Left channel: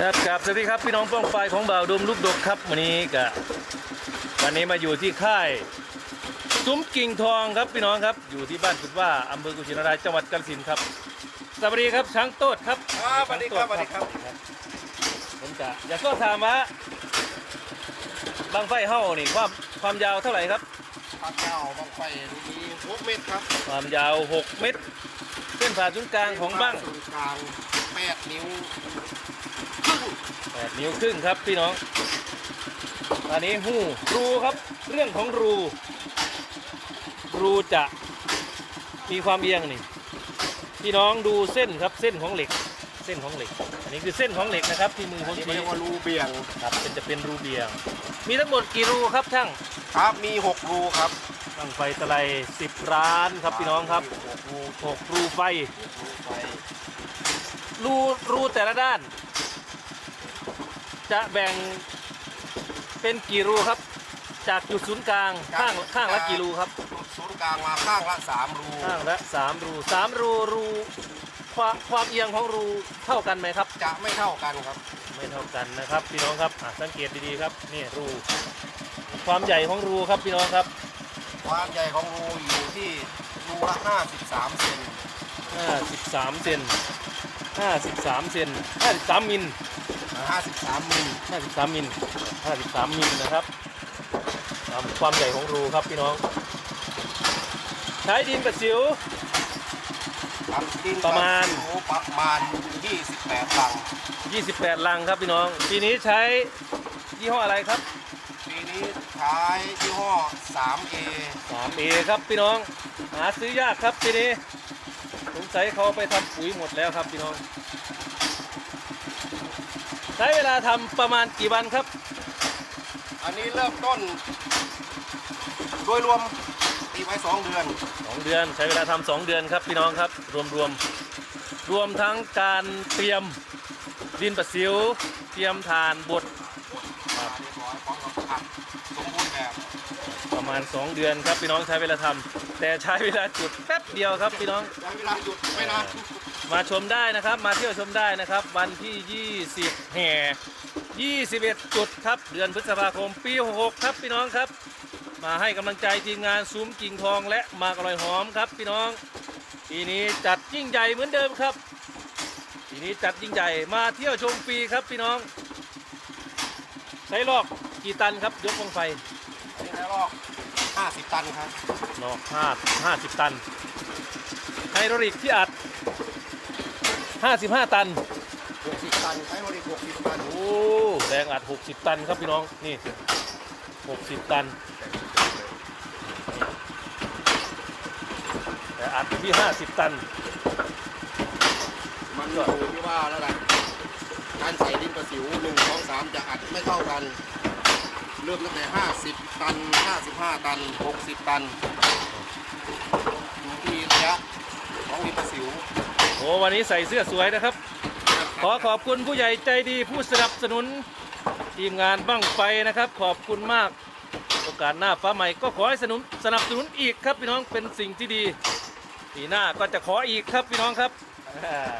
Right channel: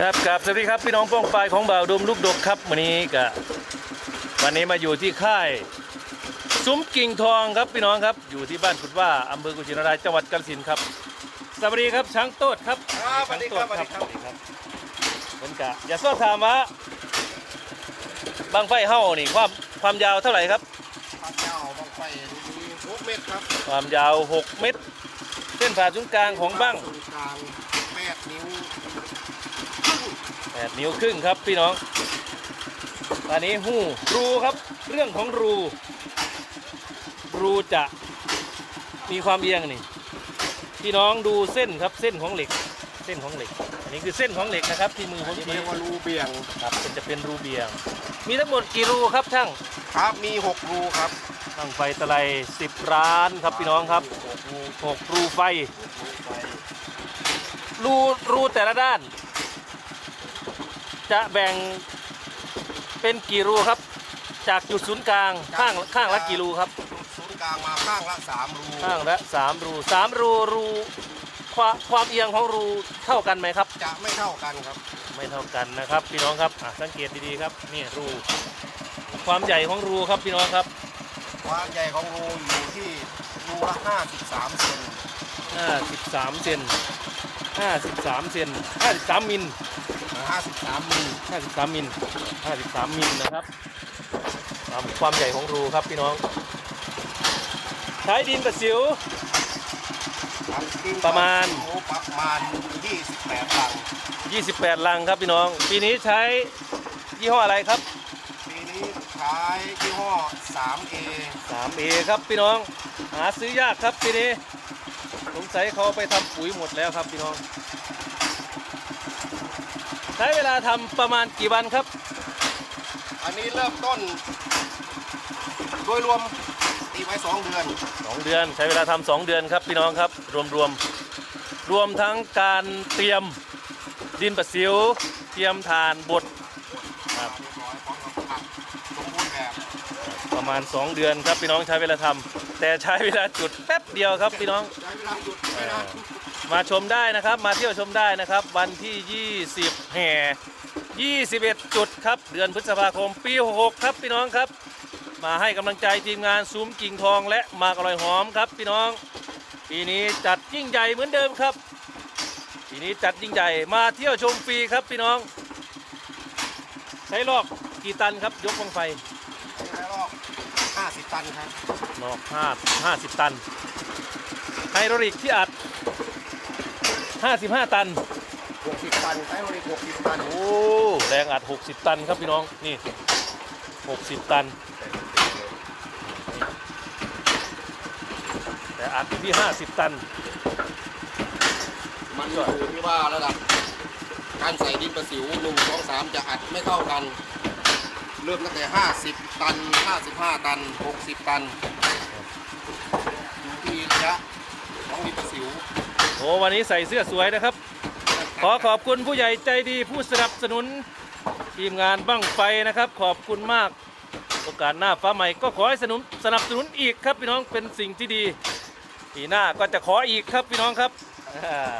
ครับกับสวัสดีครับพี่น้องป้องปลายของบ่าวดมลูกดกครับวันนี้กะวันนี้มาอยู่ที่ค่ายซุ้มกิ่งทองครับพี่น้องครับ อยู่ที่บ้านพุดว่าอำเภอกุชินารายจังหวัดกาฬสินธุ์ครับสวัสดีครับช้างโต๊ดครับครับสวัสดีครับช้างโต๊สวัสดีครับผมกะอย่าสอบถามว่าบางไฟเฮ้านี่ความความยาวเท่าไหร่ครับพระเจ้าบังไฟมีหกเมตรครับ ความยาว 6 เมตร เส้นผ่าศูนย์กลางของบ้างศูนย์กลางแปดนิ้ว 8นิ้วครึ่งครับพี่น้องอันนี้หูรูครับ เรื่องของรู รูจะมีความเอียงนี่พี่น้องดูเส้นครับเส้นของเหล็ก เส้นของเหล็ก อันนี้คือเส้นของเหล็กนะครับ ที่มือผมนี่ชี้เรียกว่ารูเบี่ยงครับเป็นจะเป็นรูเบียง มีทั้งหมดกี่รูครับช่างครับมีหกรูครับช่างไฟตะไลสิบร้านครับพี่น้องครับหกรูหกรูไฟหกรูไฟรูรูแต่ละด้าน จะแบ่งเป็นกี่รูครับ จากจุดศูนย์กลางข้างข้างละกี่รูครับ ศูนย์กลางมาข้างละสามรูข้างละสามรูสามรูรูความความเอียงของรูเท่ากันไหมครับ จะไม่เท่ากันครับ ไม่เท่ากันนะครับพี่น้องครับอะสังเกตดีๆครับนี่รู ความใหญ่ของรูครับพี่น้องครับ ความใหญ่ของรูอยู่ที่รูละห้าสิบสามเซน53เซน53เซน53มิลห้าสิบสามมิล 53มิล53มิลนะครับตามความใหญ่ของรูครับพี่น้อง ใช้ดินประสิวครับดินประมาณโอ้ประมาณยี่สิบแปดลัง 28 ลังครับพี่น้อง ปีนี้ใช้ยี่ห้ออะไรครับ ปีนี้ใช้ยี่ห้อ 3A 3 a ครับพี่น้อง หาซื้อยากครับปีนี้ สงสัยเขาเอาไปทำปุ๋ยหมดแล้วครับพี่น้อง ใช้เวลาทำประมาณกี่วันครับ อันนี้เริ่มต้น โดยรวมตีไว้2เดือน2เดือนใช้เวลาทำสองเดือนครับพี่น้องครับ รวมรวมรวมทั้งการเตรียมดินประสิว เตรียมฐานบดครับเรียบร้อยพร้อมกับผักสมบูรณ์แบบประมาณ 2 เดือนครับพี่น้องใช้เวลาทำแต่ใช้เวลาจุดแป๊บเดียวครับพี่น้อง ใช้เวลาหยุดไม่นาน มาชมได้นะครับ มาเที่ยวชมได้นะครับ วันที่ 20 แห่ 21 จุดครับ เดือนพฤษภาคมปี 66 ครับพี่น้องครับ มาให้กำลังใจทีมงานซุ้มกิ่งทองและหมากอร่อยหอมครับพี่น้อง ปีนี้จัดยิ่งใหญ่เหมือนเดิมครับ ปีนี้จัดยิ่งใหญ่มาเที่ยวชมฟรีครับพี่น้อง ใช้ลอกกี่ตันครับ ยกวงไฟนี่แล้วรอบ50 ตันครับนอกห้าห้าสิบตันไฮโดรลิกที่อัด 55 ตัน 60 ตันใช้บริ60 ตัน โอ้แรงอัด 60 ตันครับพี่น้อง นี่ 60 ตันแต่อัดอยู่ที่ 50 ตัน มันอยู่ที่ว่าแล้วกันการใส่ดินประสิวหนึ่งสองสามจะอัดไม่เท่ากัน เริ่มตั้งแต่ 50 ตัน 55 ตัน 60 ตันอยู่ที่ระยะของดินประสิวโอ้วันนี้ใส่เสื้อสวยนะครับ ขอขอบคุณผู้ใหญ่ใจดีผู้สนับสนุนทีมงานบั้งไฟนะครับ ขอบคุณมาก โอกาสหน้าฟ้าใหม่ก็ขอให้สนุนสนับสนุนอีกครับพี่น้องเป็นสิ่งที่ดีปีหน้าก็จะขออีกครับพี่น้องครับอ่า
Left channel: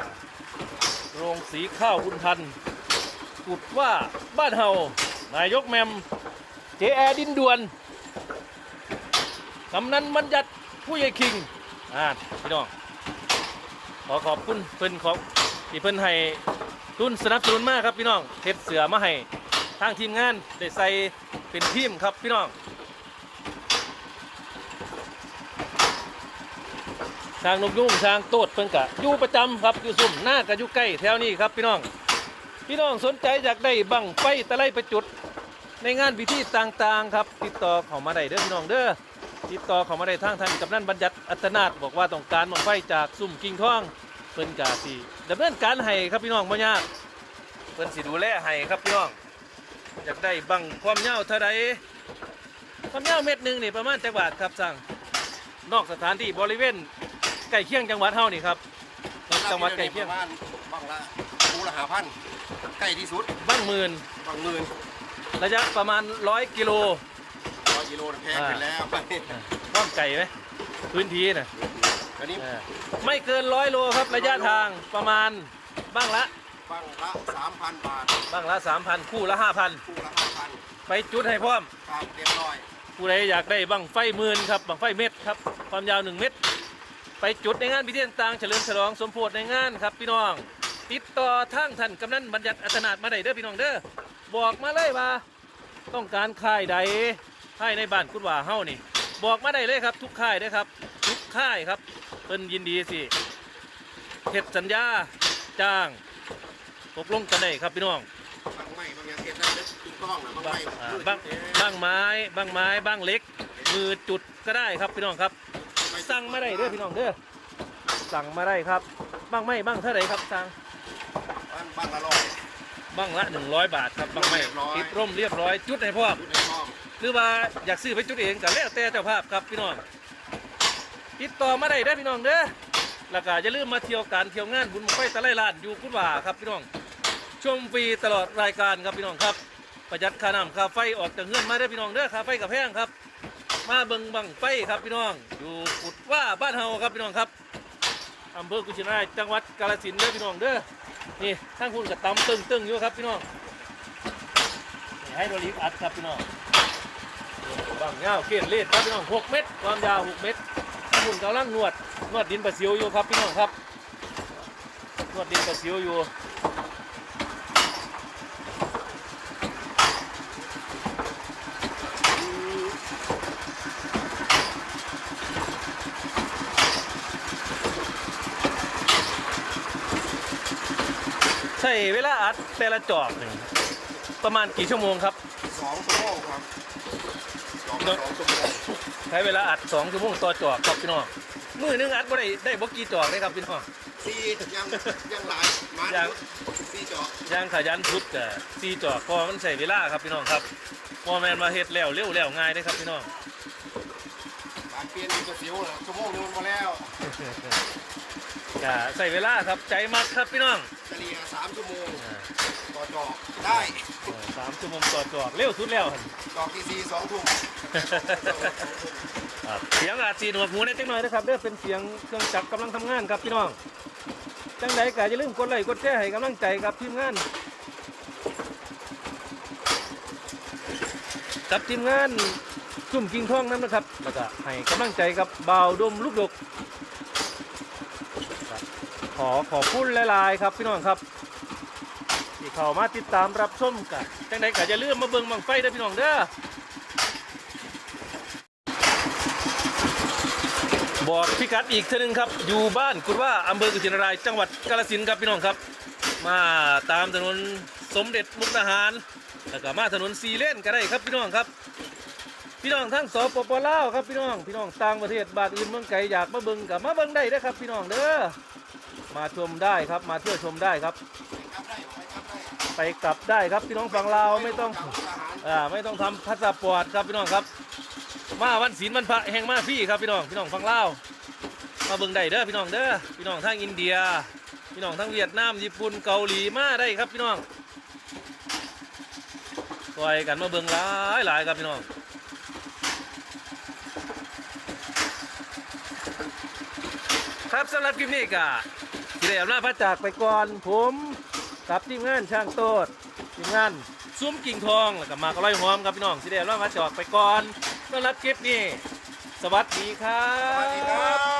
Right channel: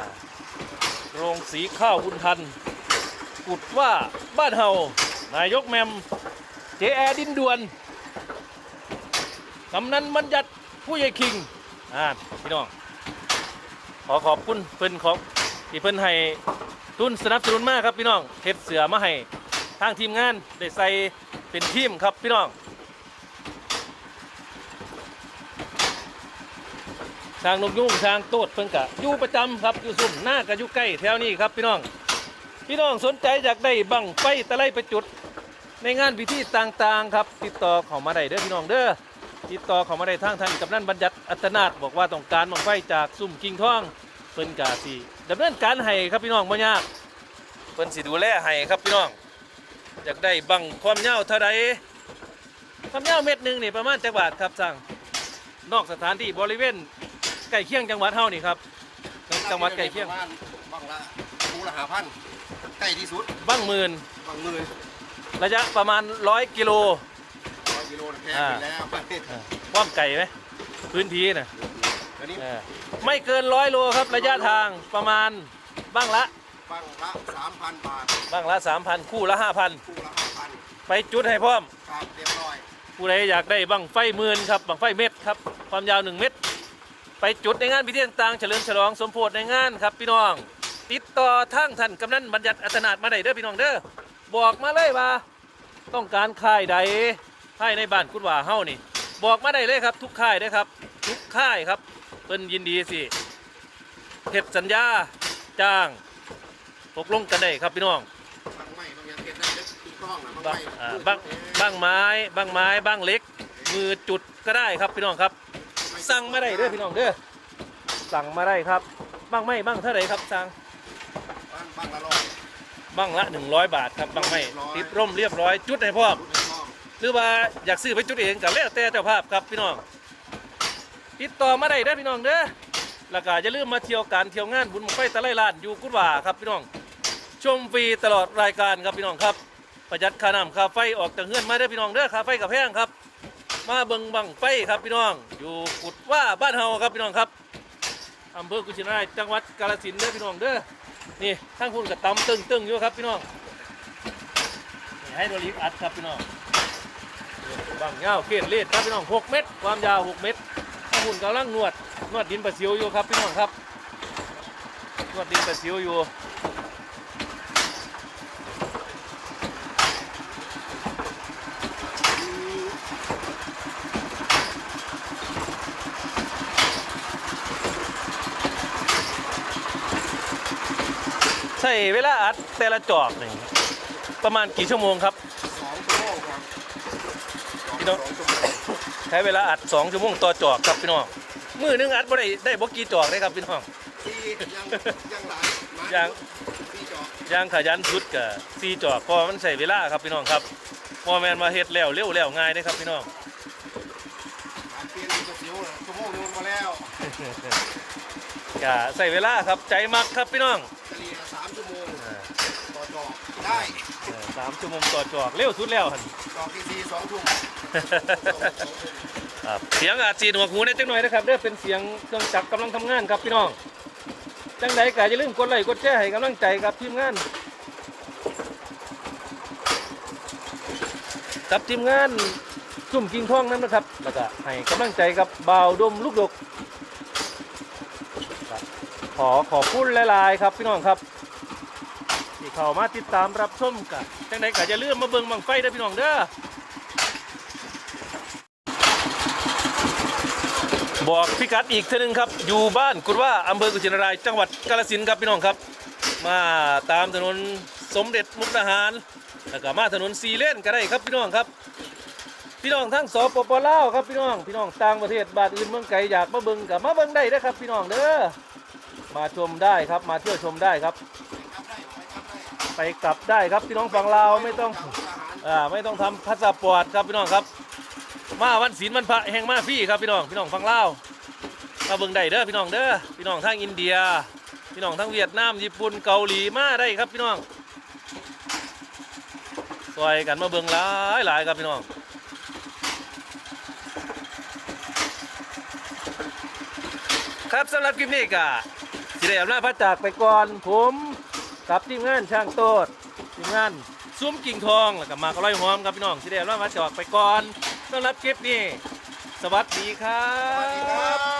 โรงสีข้าวบุญทันกุดว่าบ้านเฮานายกแมมเจแอดินดวนกำนันบัญญัติผู้ใหญ่คิงอ่าพี่น้อง ขอขอบคุณเพิ่อนของที่เพิ่อนให้ทุนสนับสนุนมากครับพี่น้องเฮ็ดเสือมาให้ทางทีมงานได้ใส่เป็นทีมครับพี่น้องทางนกยุ่งทางโตดเพิ่นกะอยู่ประจำครับอยู่ซุ่มหน้ากะอยู่ใกล้แถวนี้ครับพี่น้อง พี่น้องสนใจอยากได้บังไฟตะไลไปจุด ในงานพิธีต่างๆครับ ติดต่อเข้ามาได้เด้อพี่น้องเด้อ ติดต่อเข้ามาได้ทางท่านกำนันบัญญัติอัตนาถบอกว่าต้องการบังไฟจากซุ่มกิ่งทองเพิ่นกาสิดำเนินการให้ครับพี่น้องบ่ยากเพิ่นสิดูแลให้ครับพี่น้อง อยากได้บังความยาวเท่าใดความยาวเม็ดหนึงนี่ประมาณจักบาทครับสั่งนอกสถานที่บริเวณใกล้เคียงจังหวัดเฮานี่ครับจังหวัดใกล้เคียงประมาณบางละคูละหาพันใกล้ที่สุดบ้างหมื่นบางหมื่นระยะประมาณร้อยกิโลร้อย กิโลแพงไปแล้วความไก่ไหมพื้นที่น่ะอันนี้เออไม่เกินร้อยโลครับระยะทางประมาณบ้างละปบังละสามพันบาทบ้างละ3,000คู่ละ5,000 คู่ละห้าพันไปจุดให้พร้อม ครับเรียบร้อยผู้ใดอยากได้บังไฟหมื่นครับบังไฟเม็ดครับความยาว 1 เม็ดไปจุดในงานพิธีต่างๆเฉลิมฉลองสมโพธในงานครับพี่น้อง ติดต่อทางท่านกำนันบัญญัติอัตนาถมาได้เด้อพี่น้องเด้อบอกมาเลยว่า ต้องการค่ายใด ค่ายในบ้านกุดว่าเฮานี่ บอกมาได้เลยครับ ทุกค่ายเด้อครับ ทุกค่ายครับเพิ่นยินดีสิเฮ็ดสัญญาจ้างตกลงกันได้ครับพี่น้องบางไม้บางอย่างเก็บได้เล็กตุ้งต้องนะบางบ้างไม้อ่าบ้างบ้างไม้บ้างไม้บ้างเล็ก มือจุดก็ได้ครับพี่น้องครับ สั่งมาได้เด้อพี่น้องเด้อสั่งมาได้ครับบ้างไม้บ้างเท่าไหร่ครับสั่งบ้างบ้างละร้อยบ้างละ100บาทครับบ้างไม้ติดร่มเรียบร้อยจุดให้พร้อมตุ้งต้องห รือว่าอยากซื้อไปจุดเองก็แล้วแต่เจ้าภาพครับพี่น้องติดต่อมาได้เด้อพี่น้องเด้อแล้วก็อย่าลืมมาเที่ยวการเที่ยวงานบุญบังไฟตะไลล้านอยู่กุดว่าครับพี่น้องชมฟรีตลอดรายการครับพี่น้องครับประหยัดค่าน้ำค่าไฟออกจากเงื่อนมาได้พี่น้องเด้อค่าไฟกับแพงครับ มาเบิ่งบังไฟครับพี่น้อง อยู่กุดว่าบ้านเฮาครับพี่น้องครับอำเภอกุชินารายจังหวัดกาฬสินธุ์เด้อพี่น้องเด้อนี่ทั้งคุณกับตำตึงตึงๆอยู่ครับพี่น้องนี่ให้โดรีฟอัดครับพี่น้อง บางเงาเกล็ดเลดครับพี่น้อง6เมตร ความยาว6เมตรทั้งคุณกำลังนวดนวดดินประสิวอยู่ครับพี่น้องครับนวดดินประสิวอยู่ใช่เวลาอัดแต่ละจอกหนึ่งประมาณกี่ชั่วโมงครับสองชั่วโมงครับ พี่น้องสองชั่วโมงใช้เวลาอัด2ชั่วโมงต่อจอกครับพี่น้องมือหนึงอัดบ่ได้ได้บ่กี่จอกเลยครับพี่น้องสี่ยังยังหลายไม้ยังสี่จอกย่างขยันพุดกับ4จอกเพราะว่ามันใส่เวลาครับพี่น้องครับบ่แม่นมาเฮ็ดแล้วเร็วแล้วง่ายเด้ครับพี่น้องการเปลี่ยนกระเสียวน่ะชั่วโมงนึงมาแล้วก็ใส่เวลาครับใจมักครับพี่น้องเฉลี่ยสามชั่วโมงอ่าต่อจอกได้เออสาม ชั่วโมงต่อจอกเร็วสุดแล้วหั่นจอกที่สี่สองทุ่มอะเสียงอาจสีหนวกหูนิดจังหน่อยนะครับเด้อเป็นเสียงเครื่องจักรกำลังทำงานครับพี่น้องจังใดก็อย่าลืมกดไลค์กดแชร์ให้กำลังใจกับทีมงานกับทีมงานซุ่มกิงทองนั่นนะครับแล้วก็ให้กำลังใจกับบ่าวดมลูกดกครับขอขอบคุณหลายๆครับพี่น้องครับ เข้ามาติดตามรับชมกันจังใดก็อย่าลืมมาเบิ่งบังไฟเด้อพี่น้องเด้อบอกพิกัดอีกทีหนึงครับ อยู่บ้านกุดว่าอำเภอกุชินาราย จังหวัดกาฬสินธุ์ครับพี่น้องครับ มาตามถนนสมเด็จมุกดาหารแล้วก็มาถนนสีเลนก็ได้ครับพี่น้องครับ พี่น้องทั้งสปปลาวครับพี่น้องพี่น้องต่างประเทศบานอื่นเมืองไกลอยากมาเบิ่งกับมาเบิ่งได้เด้ครับ พี่น้องเด้อมาชมได้ครับมาเที่ยวชมได้ครับ ไปกลับได้ครับพี่น้องฝั่งลาวไม่ต้องอ่าไม่ต้องทำพาสปอร์ตครับพี่น้องครับมาวันศีลวันพระแห่งมาพี่ครับพี่น้องพี่น้องฟังเล่าวมาเบิ่งได้เด้อพี่น้องเด้อพี่น้องทั้งอินเดีย พี่น้องทั้งเวียดนามญี่ปุ่นเกาหลีมาได้ครับพี่น้องซอยกันมาเบิ่งหลายหลายครับพี่น้องครับสำหรับคลิปนี้ก็สิได้อำลาพระจากไปก่อนผม กับทีมงานช่างโตดทีมงานซุ้มกิ่งทองแล้วก็มากร้อยหอมครับพี่น้องสิเด้รอดมาจอกไปก่อนต้อนรับคลิปนี้ สวัสดีครับ